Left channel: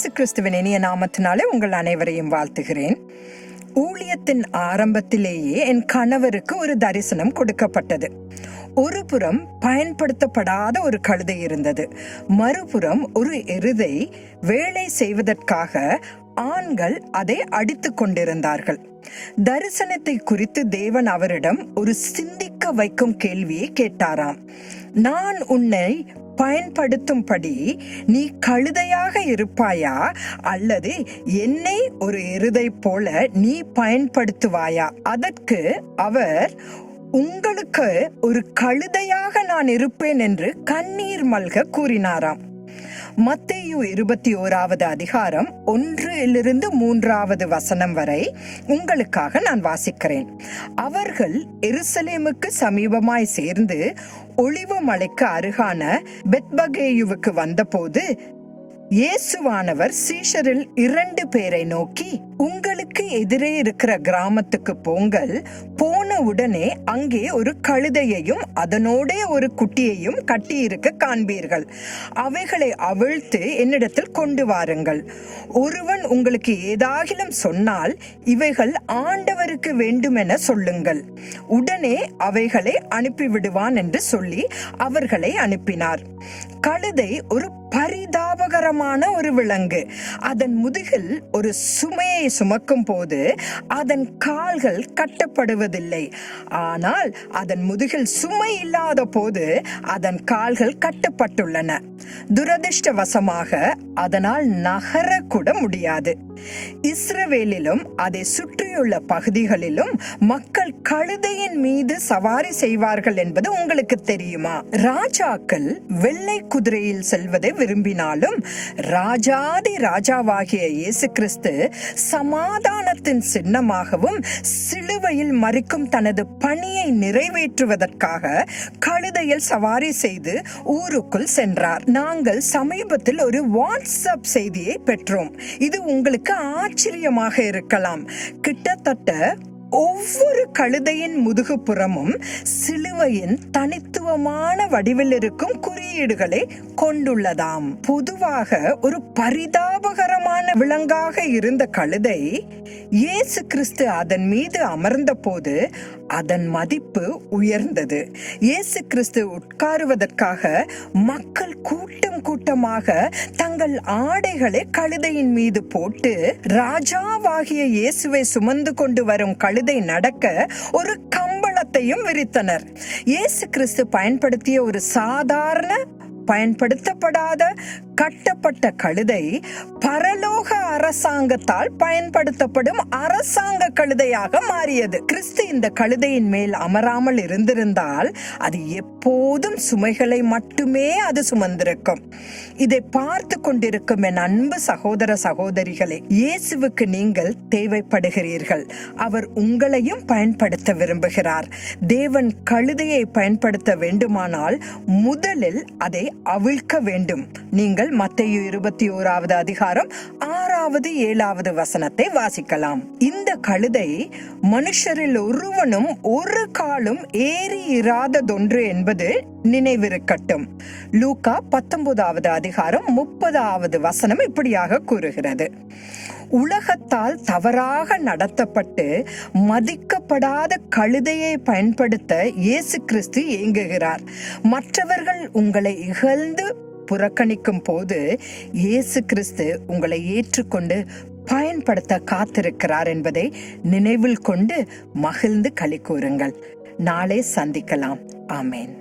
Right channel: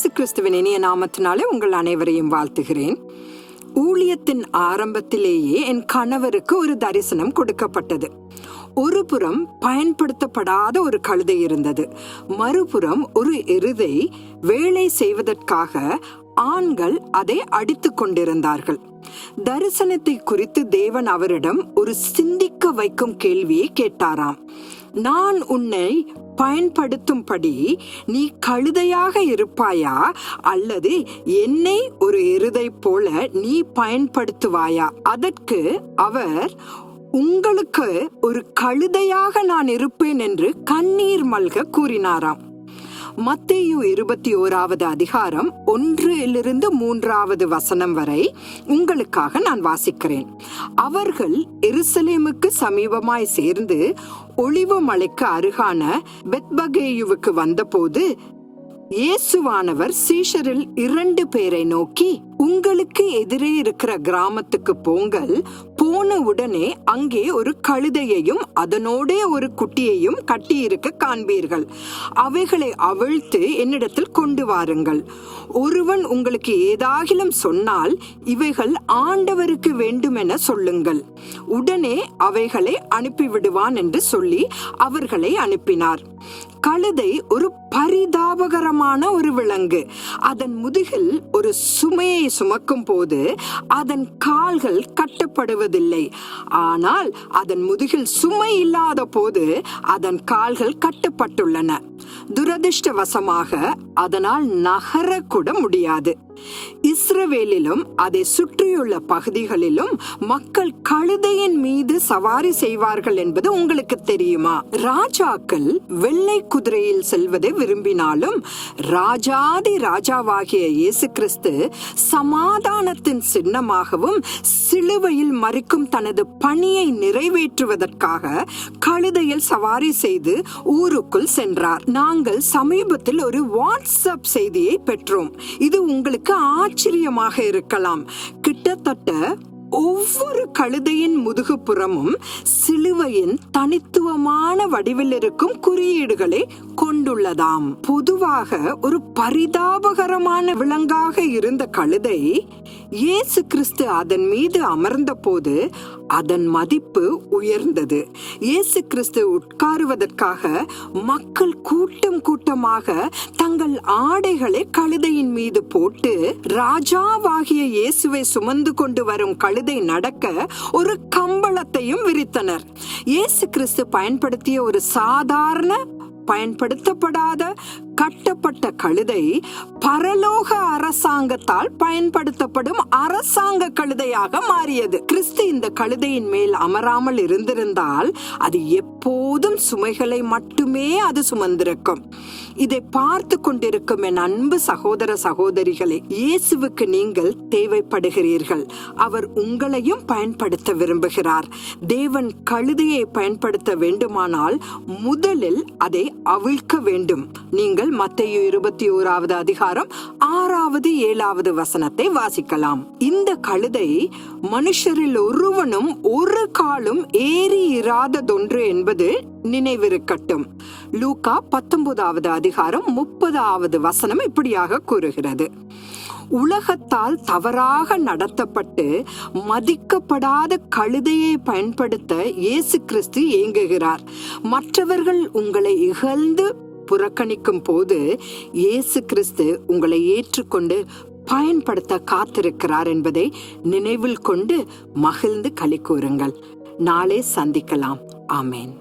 இயேசு கிறிஸ்துவின் இனிய நாமத்தினாலே உங்கள் அனைவரையும் வாழ்த்துகிறேன். ஊழியத்தின் ஆரம்பத்திலேயே என் கணவருக்கு ஒரு தரிசனம் கொடுக்கப்பட்டது. ஒரு புறம் பயன்படுத்தப்படாத ஒரு கழுதை இருந்தது. மறுபுறம் ஒரு எருதை வேலை செய்வதற்காக ஆண்கள் அதை அடித்து கொண்டிருந்தார்கள். தரிசனத்தை குறித்து தேவன் அவரிடம் ஒரு சிந்திக்க வைக்கும் கேள்வியை கேட்டாராம். நான் உன்னை பயன்படுத்தும்படி நீ கழுதையாக இருப்பாயா? அல்லது என்னை ஒரு எருதை போல நீ பயன்படுத்துவாயா? அதற்கு அவர் உங்களுக்கு ஒரு கழுதையாக நான் இருப்பேன் என்று கண்ணீர் மல்க கூறினாராம். மத்தேயு இருபத்தி ஓராவது அதிகாரம் ஒன்றிலிருந்து மூன்றாவது வசனம் வரை உங்களுக்காக நான் வாசிக்கிறேன். அவர்கள் எருசலேமுக்கு சமீபமாய் சேர்ந்து ஒளிவு மலைக்கு அருகான பெத்பகேயுவுக்கு வந்தபோது இயேசுவானவர் சீஷரில் இரண்டு பேரை நோக்கி உங்களுக்கு எதிரே இருக்கிற கிராமத்துக்கு போங்கள் போன உடனே அங்கே ஒரு கழுதையையும் அதனோடே ஒரு குட்டியையும் கட்டியிருக்க காண்பீர்கள். அவைகளை அவிழ்த்து என்னிடத்தில் கொண்டு வாருங்கள். ஒருவன் உங்களுக்கு ஏதாகிலும் சொன்னால் இவைகள் ஆண்டவருக்கு வேண்டுமென சொல்லுங்கள். உடனே அவைகளை அனுப்பிவிடுவான் என்று சொல்லி அவர்களை அனுப்பினார். கழுதை ஒரு பரிதாபகரமான ஒரு விலங்கு. அதன் முதுகில் ஒரு சுமையை சுமக்கும் போது அதன் கால்கள் கட்டப்படுவது கட்டப்படுவதில்லை ஆனால் அதன் முதுகில் சுமை இல்லாத போது அதன் கால்கள் கட்டப்பட்டுள்ளன. துரதிர்ஷ்டவசமாக அதனால் நகர கூட முடியாது. இஸ்ரவேலிலும் அதை சுற்றியுள்ள பகுதிகளிலும் மக்கள் கழுதையின் மீது சவாரி செய்வார்கள் என்பது உங்களுக்கு தெரியுமா? ராஜாக்கள் வெள்ளை குதிரையில் செல்வதை விரும்பினாலும் ராஜாதி ராஜாவாகிய இயேசு கிறிஸ்து சமாதானத்தின் சின்னமாகவும் சிலுவையில் மறிக்கும் தனது பணியை நிறைவேற்றுவதற்காக கழுதையில் சவாரி செய்து ஊருக்குள் சென்றார். நாங்கள் சமீபத்தில் ஒரு வாட்ஸ்அப் செய்தியை பெற்றோம். இது உங்களுக்கு ஆச்சரியமாக இருக்கலாம். கிட்டத்தட்ட ஒவ்வொரு கழுதையின் முதுகுப்புறமும் சிலுவையின் தனித்துவமான வடிவில் இருக்கும் குறியீடுகளை கொண்டுள்ளதாம். பொதுவாக ஒரு பரிதாபகரமான விலங்காக இருந்த கழுதை இயேசு கிறிஸ்து அதன் மீது அமர்ந்த போது அதன் மதிப்பு உயர்ந்தது. இயேசு கிறிஸ்து உட்காருவதற்காக மக்கள் கூட்டம் கூட்டமாக தங்கள் ஆடைகளை கழுதையின் மீது போட்டு ராஜாவாகிய இயேசுவை சுமந்து கொண்டு வரும் கழுதை நடக்க ஒரு கம்பளத்தையும் விரித்தனர். இயேசு கிறிஸ்து பயன்படுத்திய ஒரு சாதாரண பயன்படுத்தப்படாத கட்டப்பட்ட கழுதை பரலோக அரசாங்கத்தால் பயன்படுத்தப்படும் அரசாங்க கழுதையாக மாறியது. கிறிஸ்து இந்த கழுதையின் மேல் அமராமல் இருந்திருந்தால் அது எப்போதும் சுமைகளை மட்டுமே அது சுமந்திருக்கும். இதை பார்த்து கொண்டிருக்கும் என் அன்பு சகோதர சகோதரிகளே இயேசுவுக்கு நீங்கள் தேவைப்படுகிறீர்கள். அவர் உங்களையும் பயன்படுத்த விரும்புகிறார். தேவன் கழுதையை பயன்படுத்த வேண்டுமானால் முதலில் அதை அவிழ்க்க வேண்டும். நீங்கள் மத்தேயு இருபத்தி ஓராவது அதிகாரம் ஆறாவது ஏழாவது வசனத்தை வாசிக்கலாம். இந்த கழுதை மனுஷரில் ஒருவனும் ஒரு காலும் ஏறி இராததொன்று என்பது நினைவிருக்கட்டும். லூகா பத்தொன்பதாவது அதிகாரம் முப்பதாவது வசனம் இப்படியாக கூறுகிறது. உலகத்தால் தவறாக நடத்தப்பட்டு மதிக்கப்படாத கழுதையை பயன்படுத்த இயேசு கிறிஸ்து ஏங்குகிறார். மற்றவர்கள் உங்களை இகழ்ந்து புறக்கணிக்கும் போது இயேசு கிறிஸ்து உங்களை ஏற்றுக்கொண்டு பயன்படுத்த காத்திருக்கிறார் என்பதை நினைவில் கொண்டு மகிழ்ந்து களி கூறுங்கள். நாளே சந்திக்கலாம். ஆமேன்.